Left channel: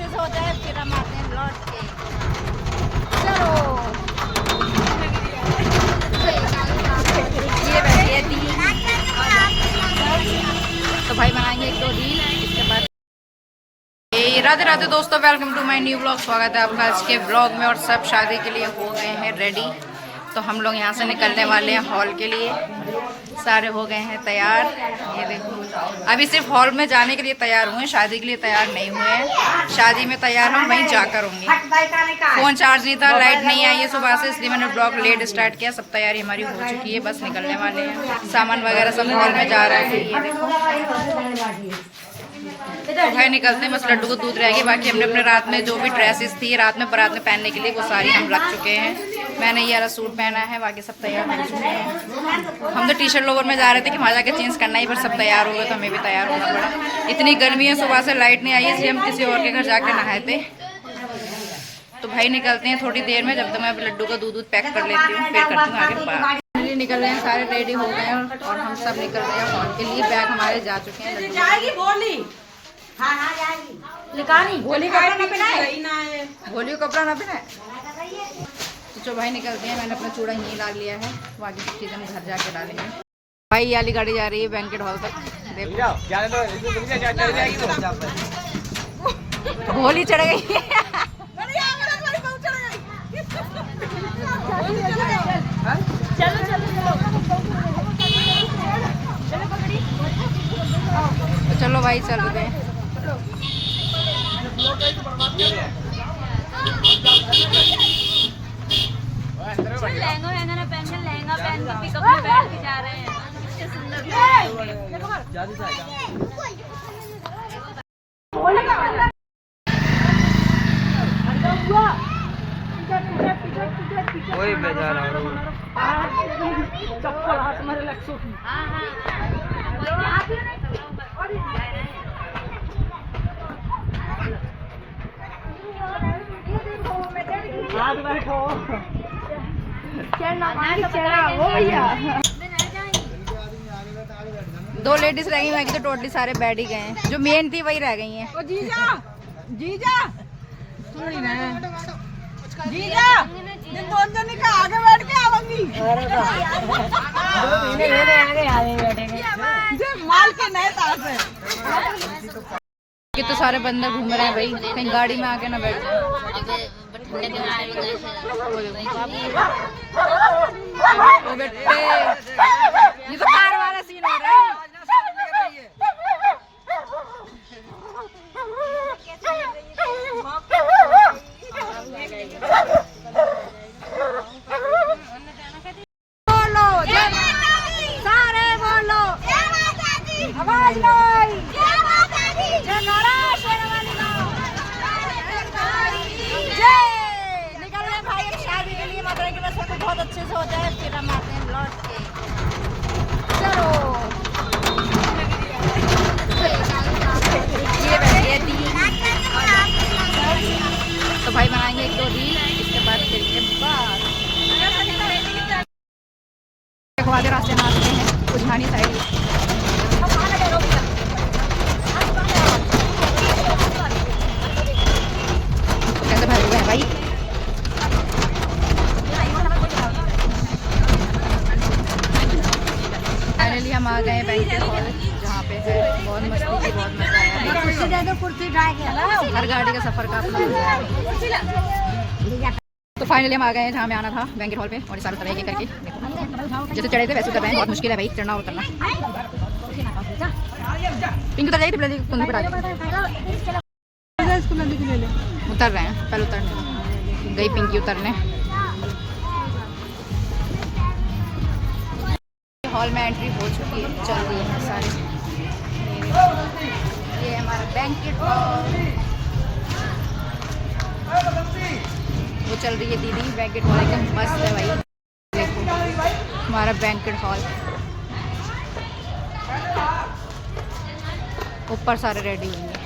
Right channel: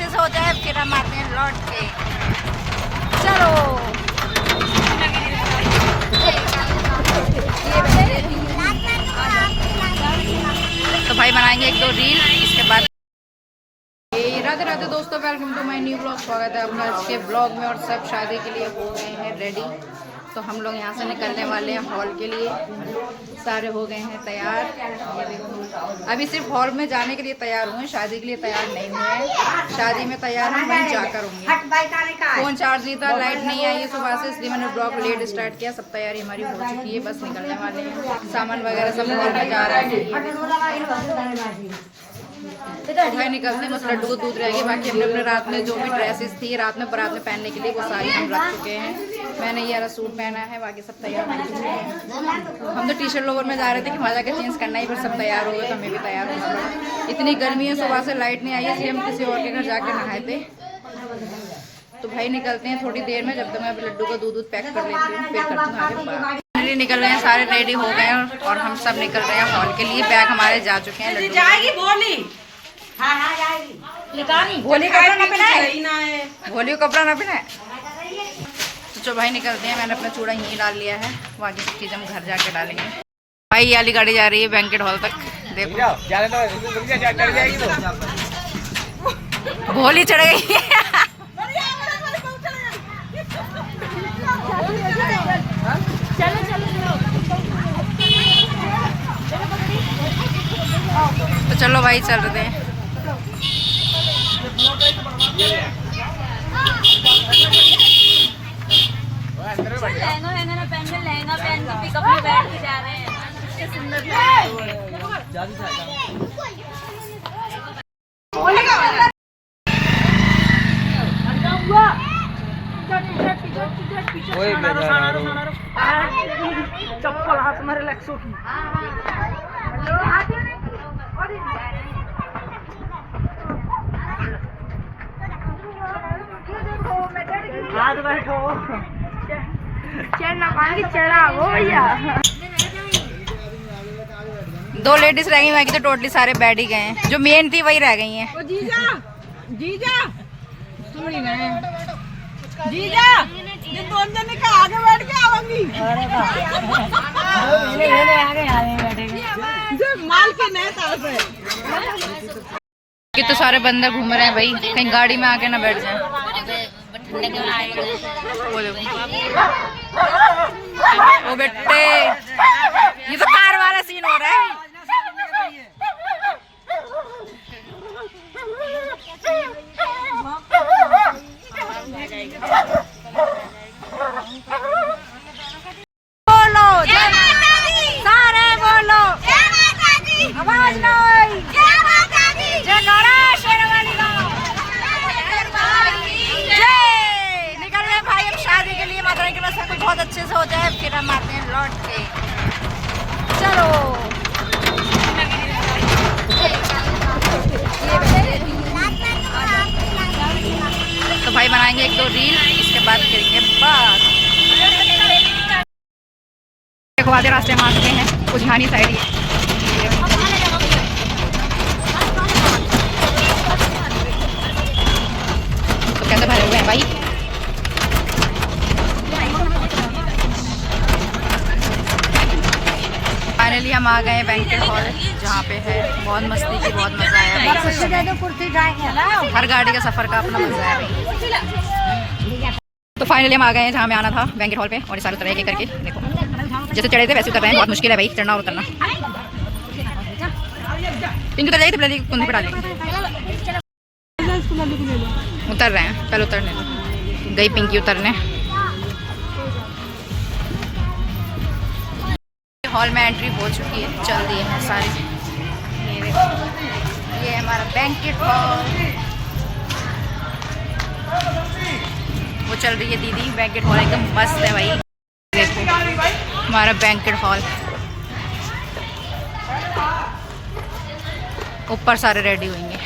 अच्छे से हो जाए फिर हम आते हैं लौट के। चलो तो भाई बनाएंगे एक दो रील, इसके बाद राधे राधे दोस्तों, welcome to my new blog. स्वागत है आपका आज के ब्लॉग में। और सब शादी के लिए हो गए हैं रेडी, तो हम लोग यहाँ से निकलने वाले हैं हॉल के लिए। सारे हो गए हैं तैयार, ये देखो। अभी सिर्फ हॉल में जाने के लिए तैयार हुए हैं, शादी के लिए तैयार नहीं हुए हैं। शादी में तैयार हम वहीं जाकर होंगे। फ़ोन चार्ज नहीं था, लाइट नहीं आई है सुबह से, इसलिए मैंने ब्लॉग लेट स्टार्ट किया। सब तैयारी हमारी हो चुकी है, बस निकलने वाले हैं। सामान वगैरह सब हॉल में जा रहा है। तो भाई निकलते हैं, बस लड्डू को दूध रहेगी। बाकी हमने अपने रात में जो भी ड्रेसेस थी रात में बारात में पहनने के लिए वो सारी हम रख चुके हैं। मैंने ये वाला सूट पहना है, बाकी सब तैयार हो चुके हैं। हम तो टी शर्ट लोवर में जा रहे थे कि वहाँ जाके चेंज करना ही, पर सब तैयार हो गए तो हमें भी तैयार होना पड़ा। इतनी गर्मी है, सुबह से लाइट नहीं आई है, इसलिए हम किसी और के घर जाके नहाए थे। तो भाई निकलते हैं थोड़ी देर में, जब तक मैं लड्डू का दूध पैक कर लेती हूँ, फिर करती हूँ आगे बात। निकल रहे हैं, सारे रेडी हो गए हैं और हम सब निकल रहे हैं हॉल के लिए। बैग हमारे जा चुके हैं। भोली को कपड़ा ना पहनाए। तो जो भाई निकलते हैं, मैंने अपना चूड़ा यहीं डाल लिया है, बाकी सब चीज़ हम घर जाके डालेंगे। भाई ये वाली गाड़ी जा रही है बैंकेट हॉल तक, देखो भोली चढ़ गई है। तो चलो भाई चल रहे हैं। चप्पल हाथ मारे लक्ष्य की हाथ बैठो चढ़ना पाएंगे, चढ़ा हो भैया। दो लेडीज रह गई, बाकी तो टोटली सारे बैठ ही गए हैं। जो मेन थी वही रह गई हैं। जीजा जीजा जीजा ये दोनों जन का आगे बैठ के आवेंगी। जब माल के नए तार पे कि तो सारे बंदे घूम रहे हैं भाई, कहीं गाड़ी में आके ना बैठ जाए। वो बेटे ये तो कार वाला सीन हो रहा है। बोलो जय माता दी, सारे बोलो जय माता दी, आवाज नहीं जय माता दी, जय नौरा शेरवाली जय। निकल रहे भाई अब शादी के लिए। माता के सब कुछ बहुत अच्छे से हो जाए, फिर हम आते हैं लौट के। चलो तो भाई बनाएंगे एक दो रील, इसके बाद करेंगे बात। देखो आधे रास्ते में आ चुके हैं, उझानी साइड ही है। तो कैसे भरे हुए हैं भाई। फाइनली हम आ गए हैं बैंकेट हॉल, जहाँ पे है बहुत मस्ती की, बहुत मजा आया भाई। हर गाड़ी का सफर का अपना मजा है भाई। तो फाइनली हम आ गए हैं जहाँ में आना था, बैंकेट हॉल पे। और ये सारे तरह के करके देखो, जैसे चढ़े थे वैसे उतर रहे हैं। बहुत मुश्किल है भाई चढ़ना और उतरना। पिंक उतर जाएगी, पहले कुंदी पर आ जाएगी। उतर रहे हैं, पहले उतरने दो। गई पिंकी उतरने। हॉल में एंट्री हो चुकी है, चल दिए हैं सारे। ये हमारा बैंकेट हॉल, वो चल रही है दीदी। बैंकेट हॉल एकदम मस्त है भाई, देखो हमारा बैंकेट हॉल। ऊपर सारे रेडी होंगे।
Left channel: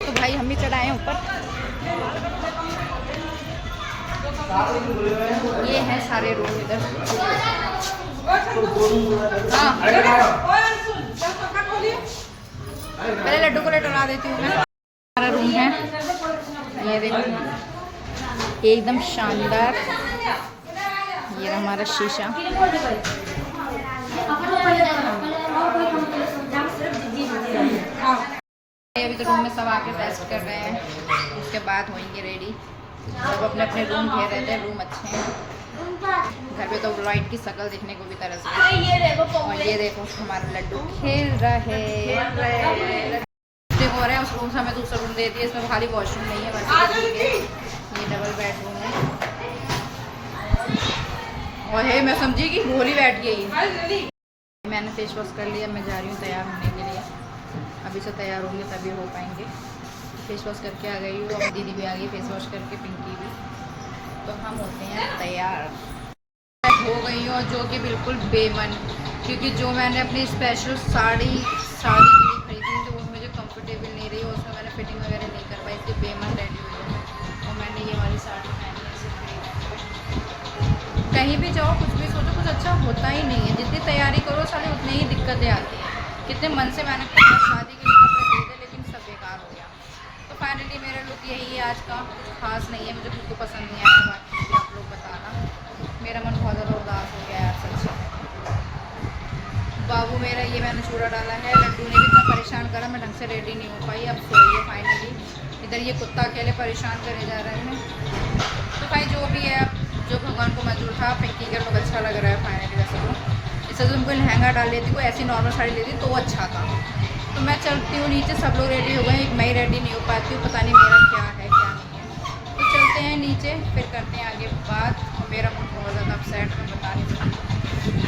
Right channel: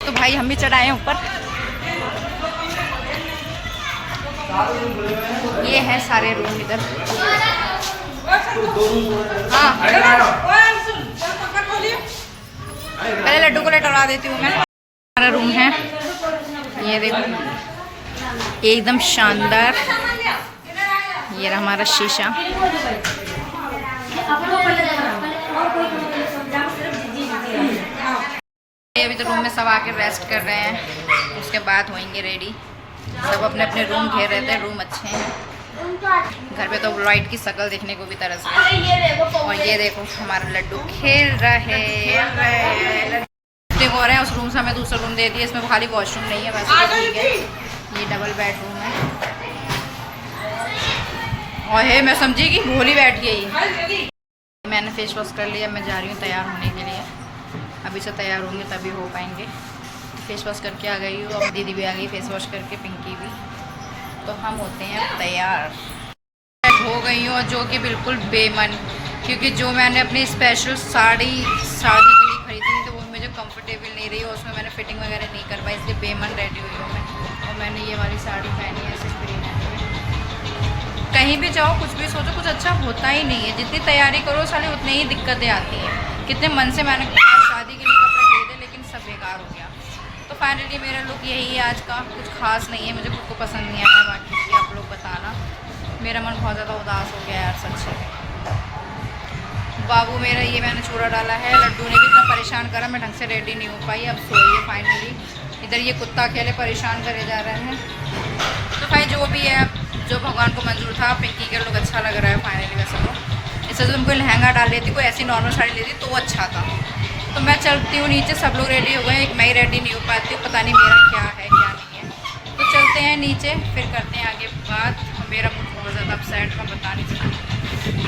तो भाई हम भी चढ़ाए हैं ऊपर। ये है सारे रूम इधर। हाँ पहले लड्डू को लेटवा देती हूँ मैं। हमारा रूम है, ये देखो एकदम शानदार। ये रहा हमारा शीशा। अभी तो रूम में सब आके रेस्ट कर रहे हैं, उसके बाद होंगे रेडी। सब अपने अपने रूम घेर रहे थे, रूम अच्छे हैं। घर पे तो लाइट की शक्ल देखने को भी तरस रही। और ये देखो हमारा लड्डू खेल रहे हो रहे हैं। उस रूम से हमें दूसरा रूम दे दिया, इसमें खाली वॉशरूम नहीं है वैसे। ये डबल बेडरूम है। और है मैं समझी कि भोली बैठ गई। मैंने फेस वॉश कर लिया, मैं जा रही हूँ तैयार होने के लिए। अभी से तैयार होंगे तभी हो पाएंगे। फेस वॉश करके आ गई हूँ, अब दीदी भी आ गई फेस वॉश करके, पिंकी भी। तो हम होते हैं तैयार। हो गई हूँ जो कि बिल्कुल बेमन, क्योंकि जो मैंने अपनी स्पेशल साड़ी शादी के लिए खरीदी थी तो वो मुझे कंफर्टेबल नहीं रही और उसमें मैंने फिटिंग वगैरह नहीं कर पाई, इसलिए बेमन रेडी हुई हूँ मैं। और मैंने ये वाली साड़ी पहनी है सिर्फ। कहीं भी जाओ कुछ भी सोचो, कुछ अच्छा होता ही नहीं है। जितनी तैयारी करो साली उतनी ही दिक्कतें आती हैं। कितने मन से मैंने शादी के लिए कपड़े खरीदे लेकिन सब बेकार हो गया। तो फाइनली मेरा लुक यही है आज का। कुछ खास नहीं है, मुझे खुद को पसंद नहीं आया। बाकी आप लोग बताना। मेरा मन बहुत ज़्यादा उदास हो गया यार सच। बाबू मेरा, ये मैंने चूड़ा डाला है। लड्डू ने भी इतना परेशान करा, मैं ढंग से रेडी नहीं हो पाई। अब सोइए फाइनली। इधर ये कुत्ता अकेले परेशान करे जा रहे हैं। तो भाई जो भी है, जो भगवान को मंजूर था। पिंकी का लुक अच्छा लग रहा है फाइनली। वैसे तो इससे तो तुमको लहंगा डाल लेती, कोई ऐसी नॉर्मल साड़ी लेती तो अच्छा था। तो मैं चलती हूँ नीचे, सब लोग रेडी हो गए, एक मैं ही रेडी नहीं हो पाती हूँ। पता नहीं मेरा क्या है क्या नहीं है। तो चलते हैं नीचे, फिर करते हैं आगे बात। मेरा मूड बहुत ज़्यादा अपसेट, मैं बता नहीं सकती।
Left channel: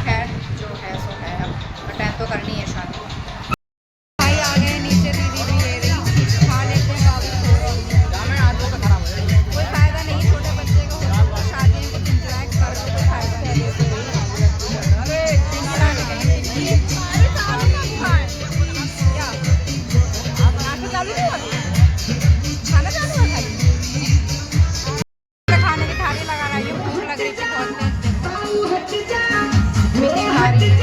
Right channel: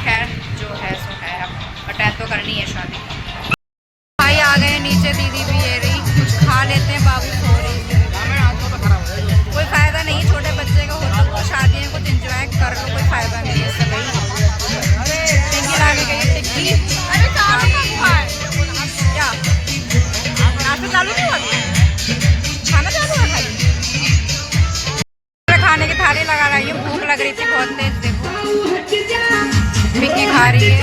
खैर जो है सो है, अब अटैच तो करनी है शादी। भाई आ गए नीचे, दीदी भी ये रही। कुछ खा लेते हैं, बाबू सो रही। कोई फ़ायदा नहीं है, छोटे बच्चे का होता तो शादी में कुछ इंजॉय कर लो, कोई फ़ायदा नहीं है इससे भाई। पिंकी लाने गई टिक्की। क्या नाश्ता चालू नहीं हुआ, खाना चालू है खाली। खाने की थाली लगा रही हूँ, भूख लग रही थी बहुत तेज। देखो पिंकी खा रही है,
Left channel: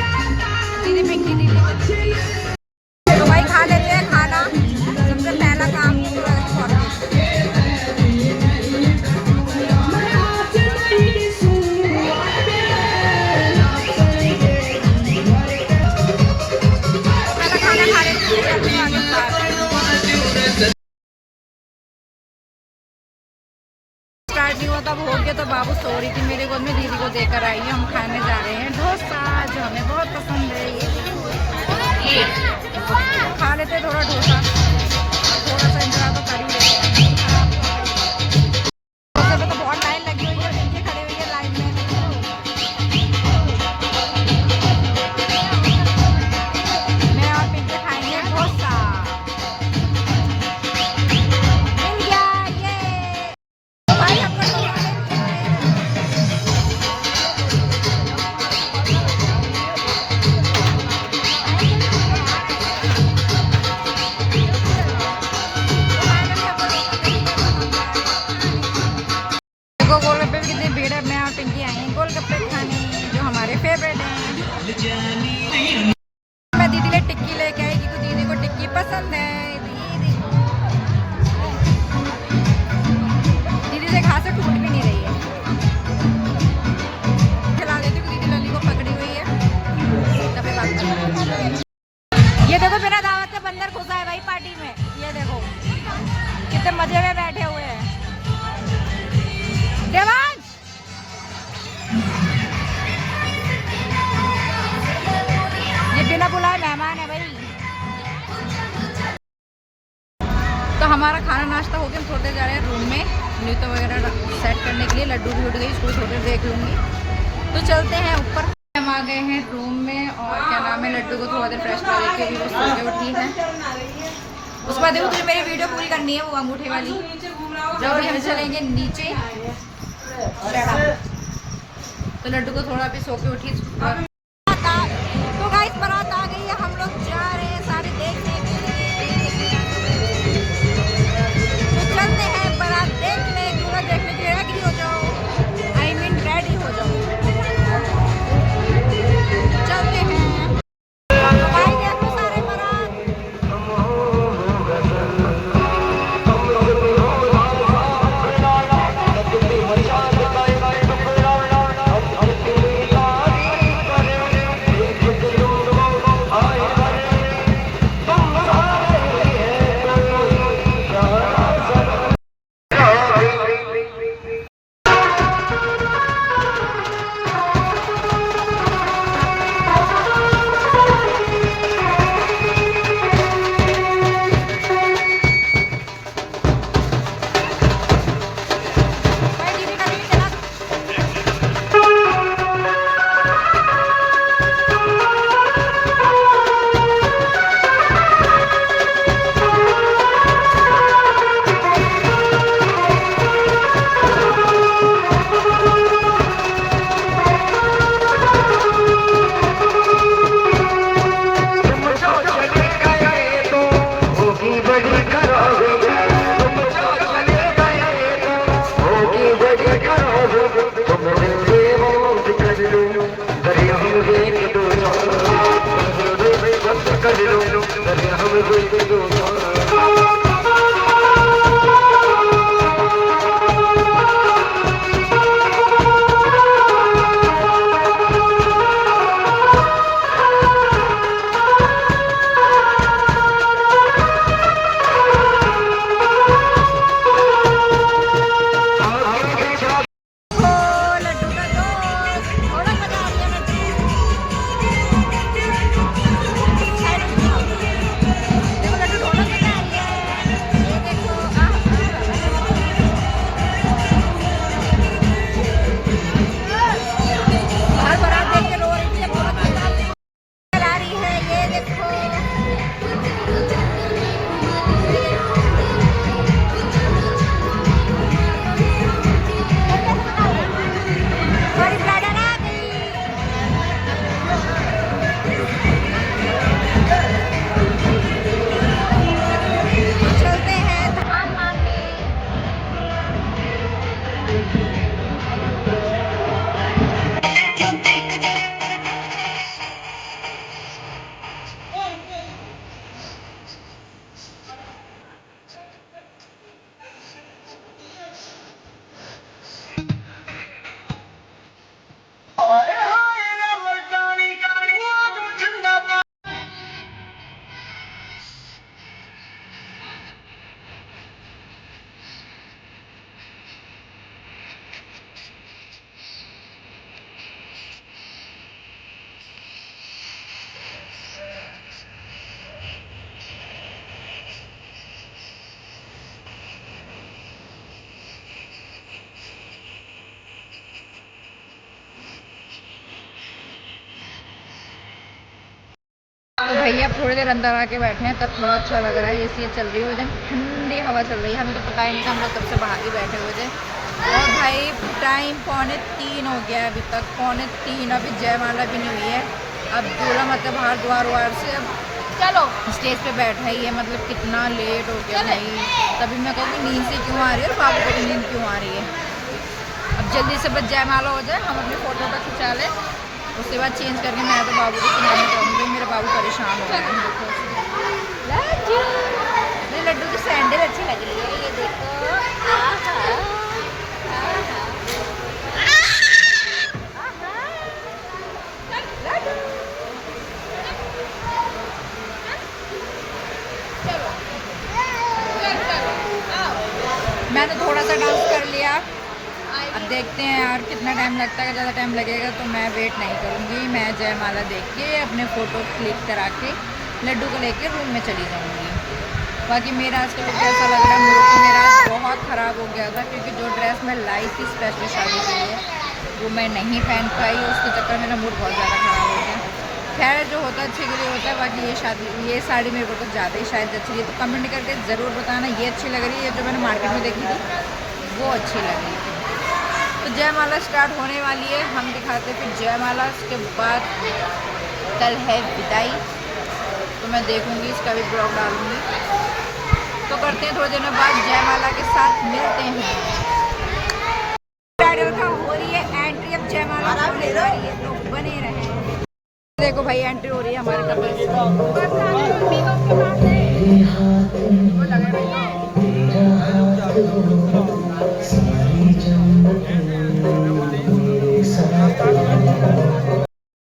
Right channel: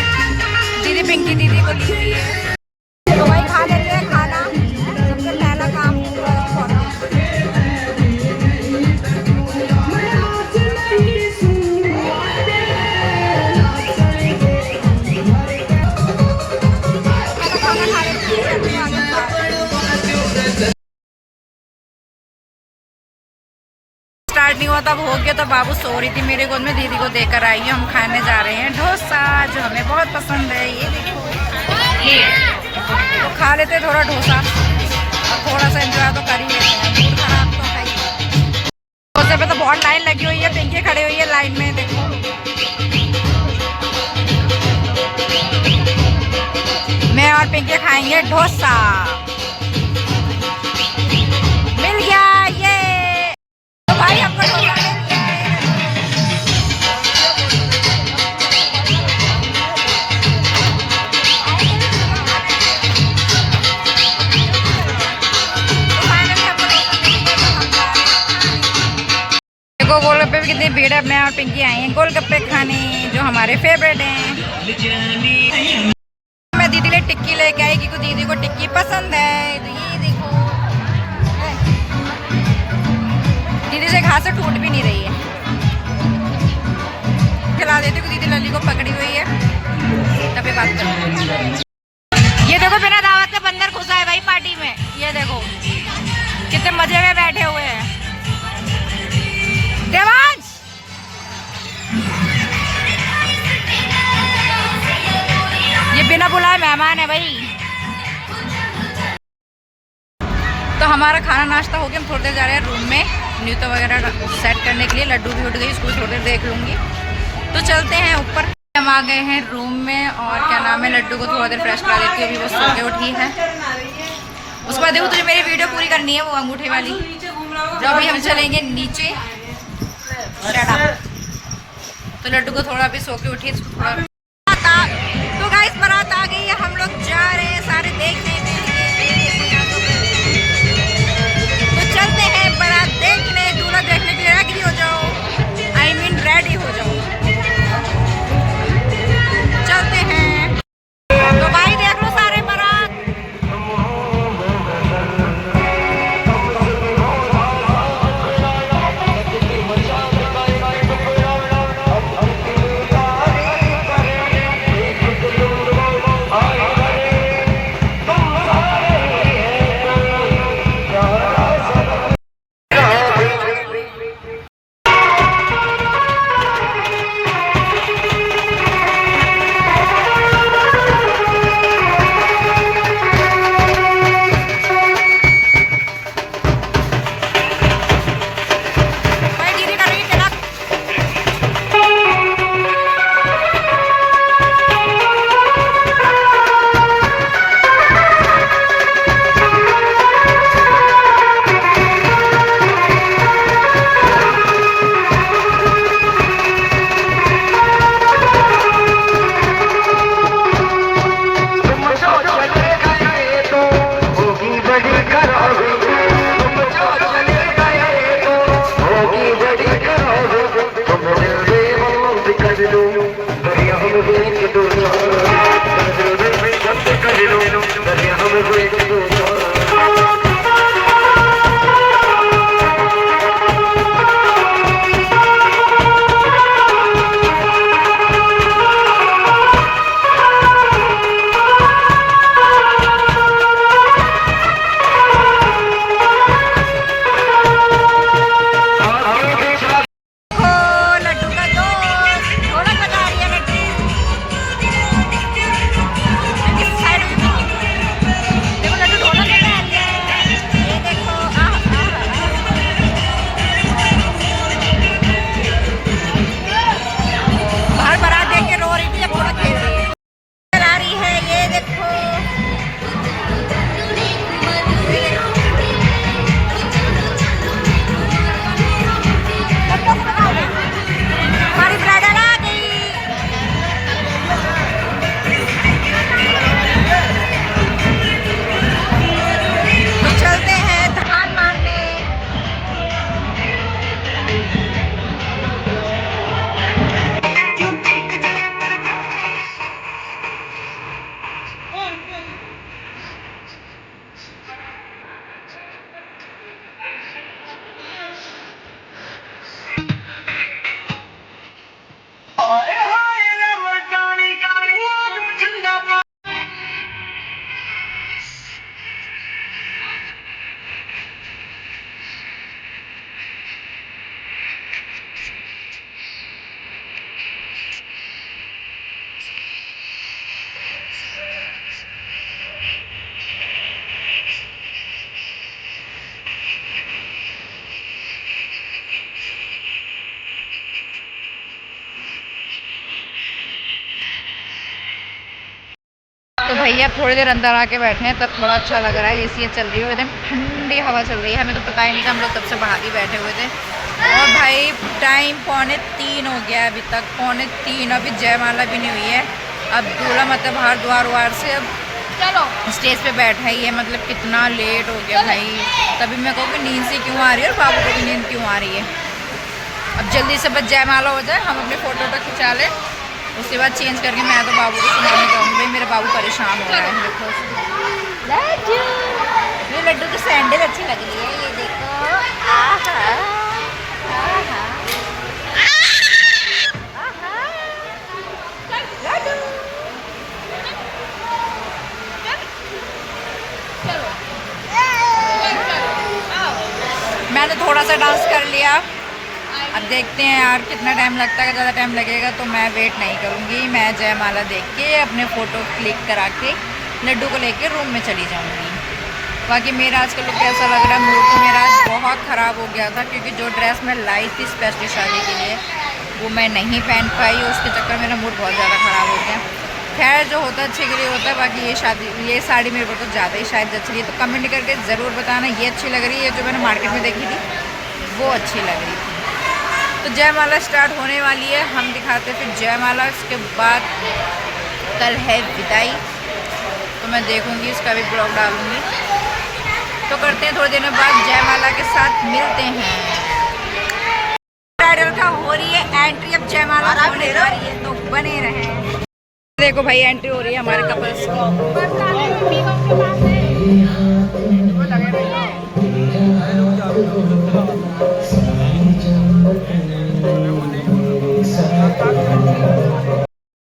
दीदी पिंकी दीदी को दी। तो भाई खा लेते हैं खाना। सबसे पहला काम स्टार्ट नहीं हुआ तब हो गया। तो बाबू सो रही थी मेरे गोद में, दीदी को देकर आई हूँ। हम खाने जा रहे हैं डोसा, जो हमें बहुत पसंद है। ये देखो तो खा लेते थोड़ा डोसा और थोड़ा सा एंजॉय तो कर ही लेते हैं। मूड खराब तो है ही। डोसे पे तो बहुत लाइन लगी हुई है, पिंकी खड़ी हुई है लाइन में। देखो मैं और पिंकी खाएंगे डोसा। मिल गया ये। तो भाई आपको डोसा गोलगप्पे भी कितनी भीड़ है। मैं और पिंकी आए हैं गोलगप्पे खाने, जो हमारे फेवरेट हैं। मैं दीदी ले टिक्की लेके आई क्योंकि दीदी को टिक्की पसंद है। तो ये देखो दीदी से घास से टूट भी नहीं रही है। खिला देती हूँ, दीदी लली को पकड़ी हुई है। तभी बात कर। ये देखो बिना दावत के बंदर घुसा है भाई पार्टी में। ये देखो कितने मजे में बैठे हुए हैं। देवांश ये बिना बुलाए मेहमान है भाई। तो हमारा खाना नाश्ता हो गया। हम थोड़ी देर जा रहे हैं रूम में न्यूता वगैरह सेट करने के लिए। लड्डू भी उठ गई, उसको थोड़ी देर देख लूँगी। तो चलते हैं ऊपर। हम आ गए हैं रूम में और क्या नाम है, लड्डू को थोड़ा देर फ्रेश करा देती हूँ। अभी वो सो के उठी है। उसके बाद देखो तुझे मेरी वीडियो पूरी करनी है, वो अंगूठे वाली। जो अभी हम चलेंगे नीचे। तो लड्डू को थोड़ा भी सो के उठी, थोड़ा। तो गाइस बारात आ गई है, हम लोग जा रहे हैं सारे देखने के लिए। तो चलते हैं बारात देखने, दूल्हा देखने के लिए रेडी हो जाओ। I mean रेडी हो जाओ, चलते हैं। तो भाई देख लो सारे बारात। भैया थोड़ी देर अंदर आके बैठे हैं तब थोड़ा अच्छा लग रहा है। एसी चल रही है, एकदम ठंडी हवा चल रही है। हमें तो पता ही नहीं था, हम लोग तब से बाहर ही बैठे हुए थे। और भाई टाइम 2:45 हो गया अभी तक, 2:45। अभी जयमाला भी नहीं हुई है। अब दूल्हा मतलब बाहर द्वार वार से अब चलो स्टेज पे बैठा ही है। मतलब कितना लेट हो गया भाई। तभी मैं कहूँ कि नींद से क्यों आ रही है और बाबू को भी नींद क्यों आ रही है। अब जल्दी से बस जयमाला हो जाए, हम अपने फ़ोटो तो खिंचा लें, उसके बाद चेंज करके मैं तो बाबू को सुनाने जाऊँगी। भाई मेरा बाबू परेशान हो रहा है। देखो ये लड्डू की सैंडल अच्छी लग रही है, ये देखो। मैंने थोड़ा सा डांस कर लिया। अब देखते हैं यार कितना टाइम लगता है। ज़्यादा टाइम लगेगा तो मैं वेट नहीं करूँगी। मैं जयमाला देख के अपने फ़ोटो क्लिक करा के लड्डू को लेके रूम में चली जाऊँगी। बाकी मेरा आज का लुक कैसा लग रहा है? मूड तो मेरा आज बहुत ख़राब हो गया था, क्योंकि जो ड्रेस मैं लाई थी स्पेशली शादी के लिए वो मैं नहीं पहन पाई। उसके चक्कर मेरा मूड बहुत ज़्यादा ख़राब हो गया। खैर जो होता है अच्छे के लिए होता है। बाकी ये साड़ी मेरे को तो ज़्यादा ही शायद अच्छी है, तो कमेंट करके ज़रूर बताना ये अच्छी लग रही है। जो मैंने मार्केट में देखी थी वो अच्छी लग रही थी। तो जयमाला स्टार्ट होने वाली है, हम दिखाते फिर जयमाला। उसके बाद कल है विदाई, तो मैं देखूंगी इसका भी ब्लॉग डालूंगी। तो करते हैं थोड़ी देर बाद जयमाला के साथ मिलते हैं। ब्राइडल का हो रही है एंट्री, अब जयमाला होने जा रही है, तो बने रहें। देखो भाई एंट्री हो रही है हमारे कपल्स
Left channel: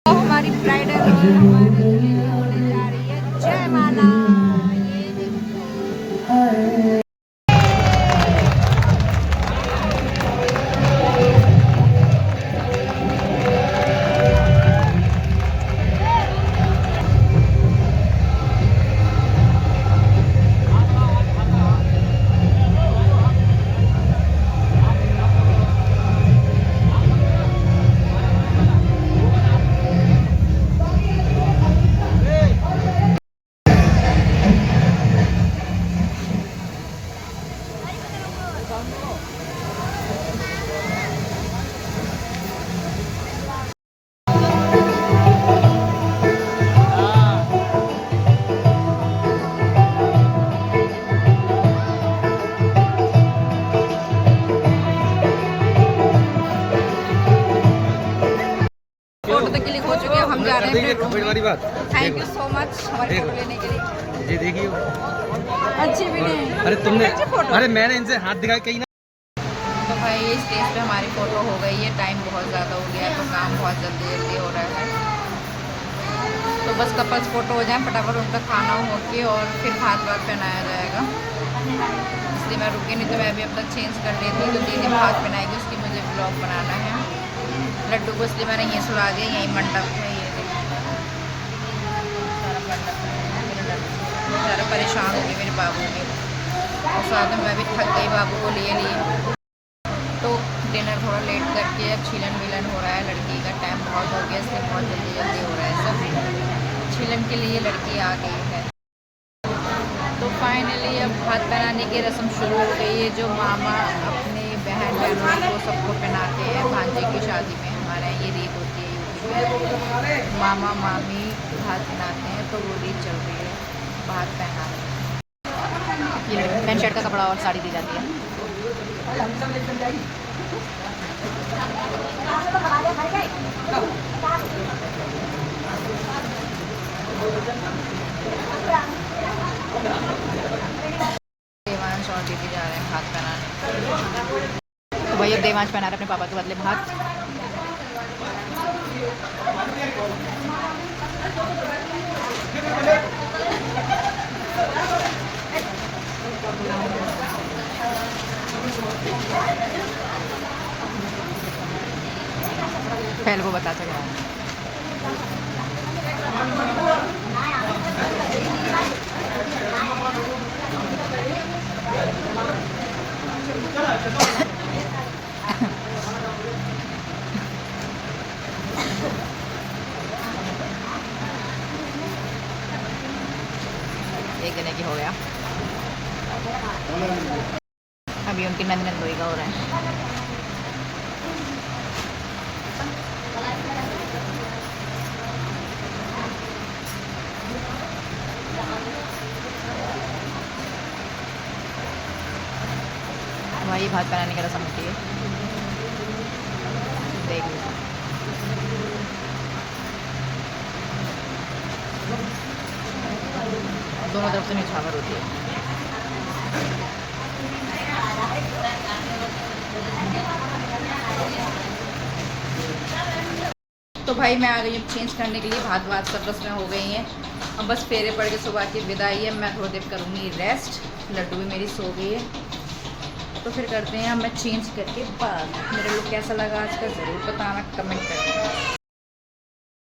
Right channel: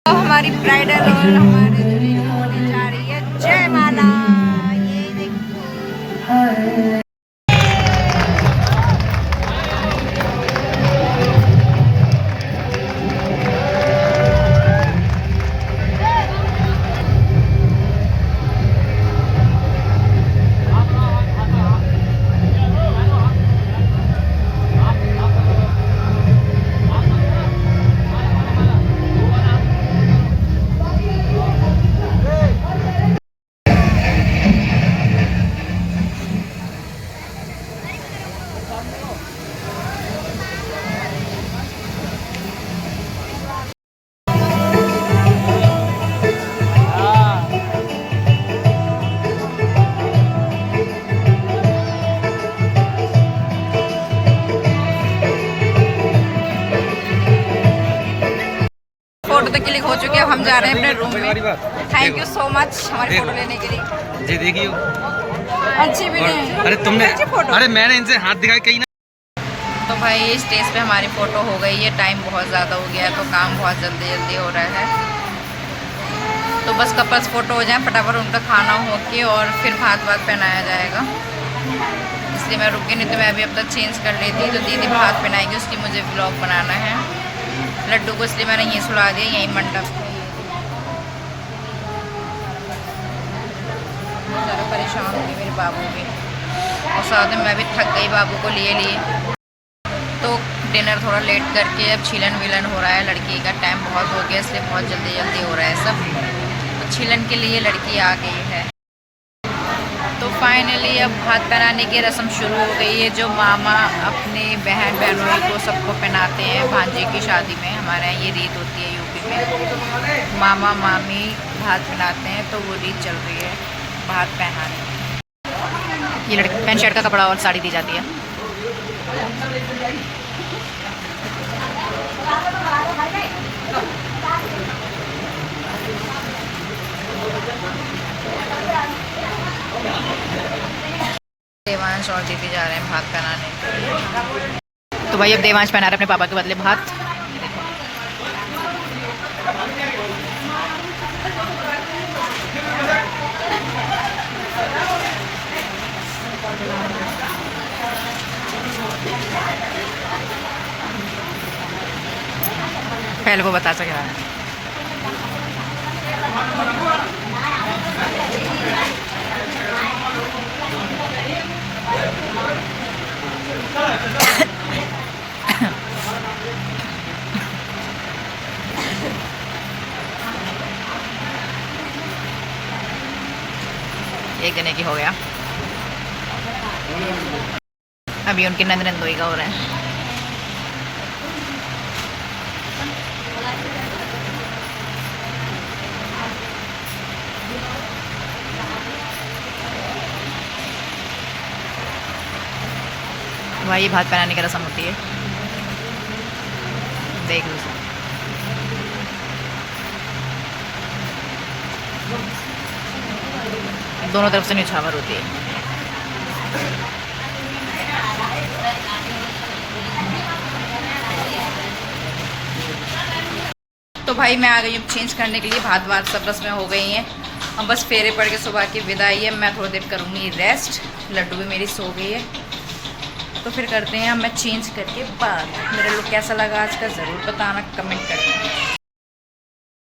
तो हमारी ब्राइडल और हमारे दूल्हे होने जा रही है जयमाला। ये देखो फोटो तो क्लिक हो चुके हैं। हम जा रहे हैं अपने रूम में। थैंक यू सो मच हमारी फोटो लेने के लिए। ये देखियो अच्छी भी नहीं। अरे तुमने, अरे मैंने इनसे हाथ दिखाया कहीं ना। तो भाई स्टेज पे हमारी फ़ोटो हो गई है। टाइम बहुत ज़्यादा हो गया है, तो काम बहुत जल्दी जल्दी हो रहा है। तो बस कपल्स फ़ोटो हो जाए फटाफट, उनका खाना हो के और फिर भात पहनाया जाएगा। इसलिए मैं रुकी, नहीं तो मैं अभी अब तक चेंज कर लेती। तो दीदी भात पहनाएगी, उसकी मुझे व्लॉग बनाना है। लड्डू को इसलिए मैंने यहीं सुला दिया, यहीं मंडप है। ज़्यादा परेशान हो गई मेरे बाबू भी, और साथ में मैं भी थक गई बाबू को लिए। तो डिनर थोड़ा लेट करके अब छीलन विलन हो रहा है। लड़की का टाइम बहुत हो गया, इसलिए बहुत जल्दी जल्दी हो रहा है सब। तो छीलन के लिए लड़की आ गई है। तो फाइनली अब भात पहनाने की रस्म शुरू हो गई है, जो मामा अपने बहनों को सबको पहनाते हैं। भांजे की शादी में हमारे यहाँ ये रीत होती है यूपी में, मामा मामी भात पहनाते हैं। तो वो रीत चल रही है भात पहनाने। ये लड़की पैंट शर्ट का कपड़ा और साड़ी दी जाती है। देवांश और दीदी जा रहे हैं भात पहनाने। तो भाई अब देवांश पहना रहे अपने पापा के बदले भात। पहले वो बता सके देने की हो गया। अभी उनकी नंदोई का हो रहा है। भाई भात पहनाने की रस्म होती है, देख लो। दोनों तरफ से निछावर होती है। तो भाई मैं आ गई हूँ चेंज करने के लिए। भात सब रस्में हो गई हैं, अब बस फेरे पड़ के सुबह की विदाई है। मैं थोड़ी देर करूँगी रेस्ट। लड्डू भी मेरी सो गई है, तो फिर करते हैं मैं चेंज करके बात। मेरा लुक कैसा लगा आज का ज़रूर बताना कमेंट करके।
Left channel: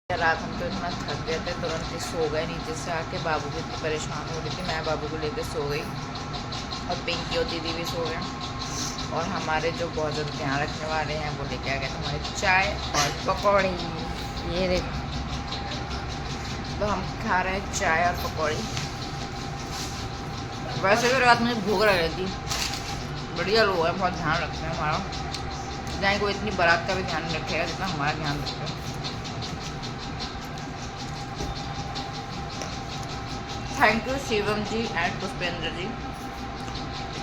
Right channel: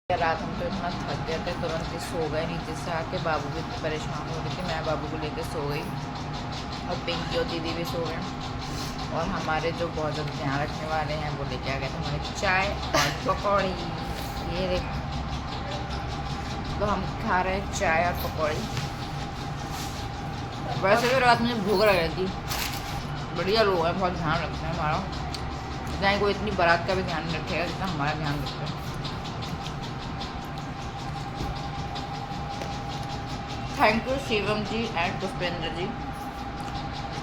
रात हम तो इतना थक गए थे, तुरंत ही सो गए। नीचे से आके बाबू भी इतनी परेशान हो रही थी, मैं बाबू को लेकर सो गई और पिंकी और दीदी भी सो गए। और हमारे जो बहुत ज़्यादा ध्यान रखने वाले हैं वो लेके आ गए थे हमारे चाय और पकौड़ी। ये देख, तो हम खा रहे हैं चाय और पकौड़ी। वैसे तो रात मुझे भूख लग रही थी। बढ़िया लोग हैं, बहुत ध्यान रखते हैं हमारा। चाहे कोई इतनी बारात का भी ध्यान नहीं रखेगा जितना हमारा ध्यान रखते हैं। Thank you Shivam ji and Pushpendra ji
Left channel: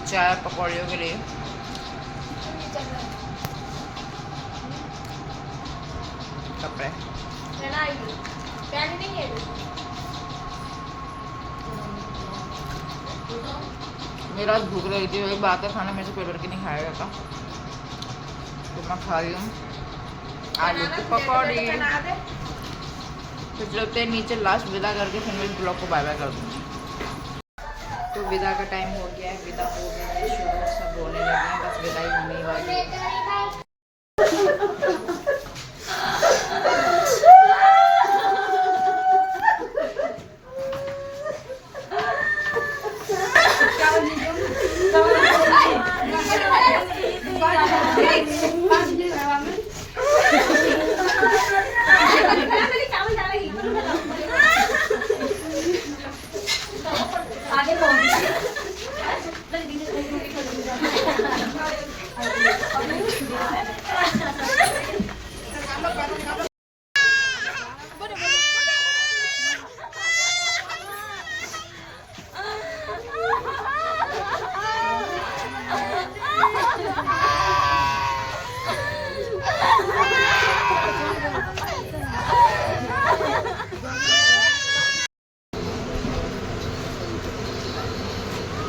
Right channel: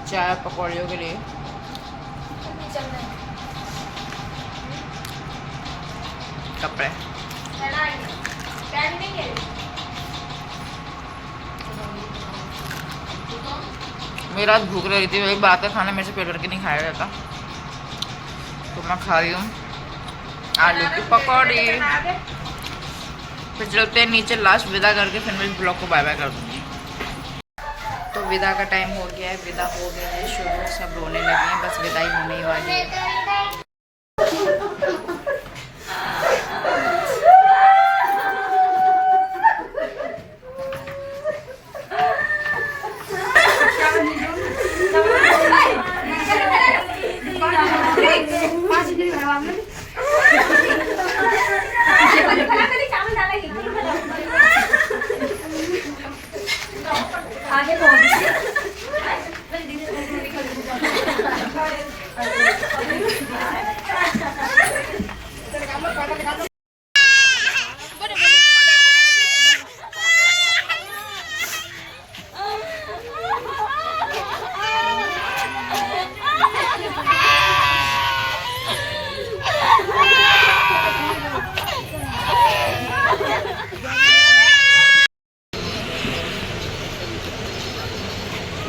चाय और पकौड़ियों के लिए। कपड़े मेरी रात भूख रही थी, वही बात है, खाना मेरे से पेट भर के नहीं खाया जाता, तो मैं खा रही हूँ आलू की पकौड़ी। फिर चलते हैं नीचे, लास्ट विदा करके फिर मैं इस ब्लॉग को बाय बाय कर दूँगी। तो विदा का टाइम हो गया है, विदा हो गई है शुरू, सब रोने लगे हैं, बस विदाई होने ही वाली है।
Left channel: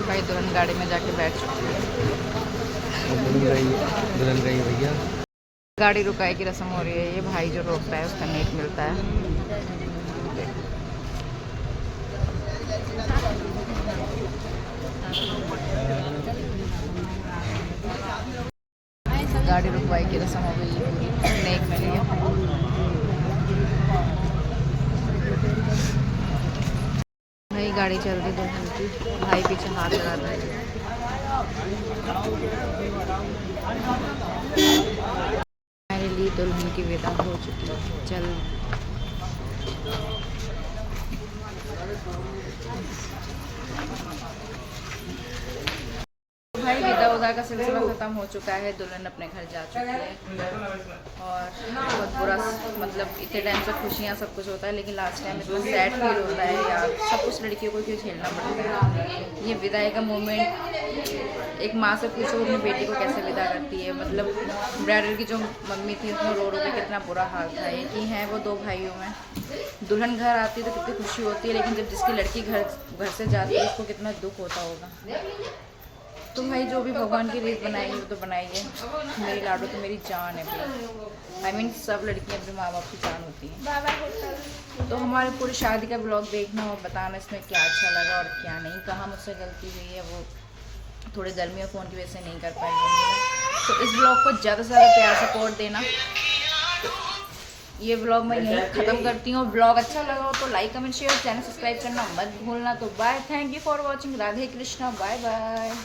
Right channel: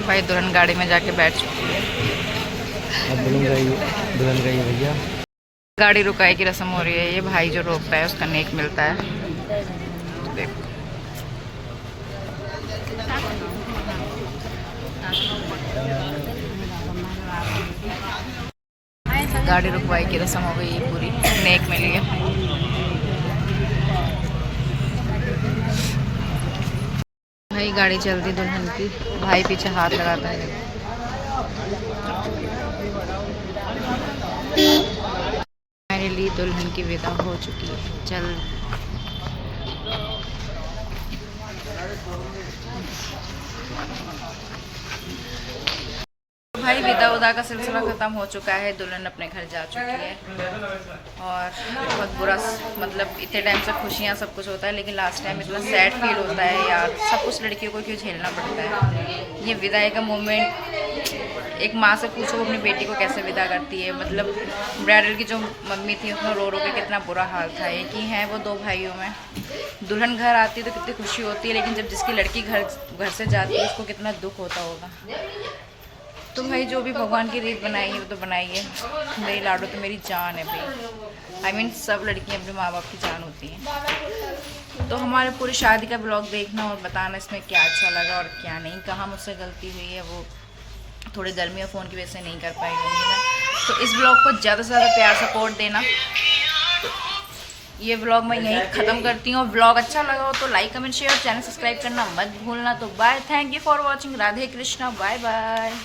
भाई दुल्हन गाड़ी में जाके बैठ चुकी है। गाड़ी रुकाई की रस्म हो रही है। ये भाई जो रोकता है उसका नेक मिलता है। देखो गाड़ी रुकवाई की रस्म हो गई है, पूरी नेक मिली है। भाई गाड़ी चलती दुल्हन की, भाई पीछे हाथ लगाता है। फाइनली दुल्हन की विदा हो चुकी है। चल भाई विदा उदा का सिलसिला ख़त्म हो चुका है। दुल्हन अपने घर जा चुकी है और बहुत बुरा, मतलब इतने टाइम से खुशियाँ सब कुछ होता है, लेकिन लास्ट टाइम इतना सैड फील होता है यार। सब कुछ लड़कियों को क्यों झेलना पड़ता है। ये विदाई का मोमेंट, एक माँ से पूछो वो अपनी बेटी को कैसे विदा करती है। मतलब ब्राइडल की जो मम्मी थी उसने रो रो के कितना बुरा हाल था। एक ही है वो दो भाइयों में। दुल्हन घर आती है तो कितनी खुशी होती है, लेकिन जब जिसकी लड़की घर से जाती है उसको कितना दुख होता होगा। तो भाई जो भी भगवान की रीत बनाई है वो तो बनाई है। मेरी लाडो तो मेरी जान है भाई। I mean, सब लड़कियां अपने माँ बाप की जान होती हैं। तो हमारे पूरी शादी का ब्लॉग देखना और बताना इसमें क्या अच्छा लगा और क्या नहीं, कहाँ मुझसे गलती हुई है। वो थोड़ी गर्मी और फ़ोन की वजह से नहीं कर पाई होंगी मैं। तो इस ब्लॉग को ज़्यादा से ज़्यादा प्यार सपोर्ट देना। ये ब्लॉग मैं यहीं ख़त्म करती हूँ। ब्लॉग अच्छा लगा हो तो like comment share, channel subscribe करना मत भूलना। तो bye, thank you for watching. Radhe Krishna, bye bye.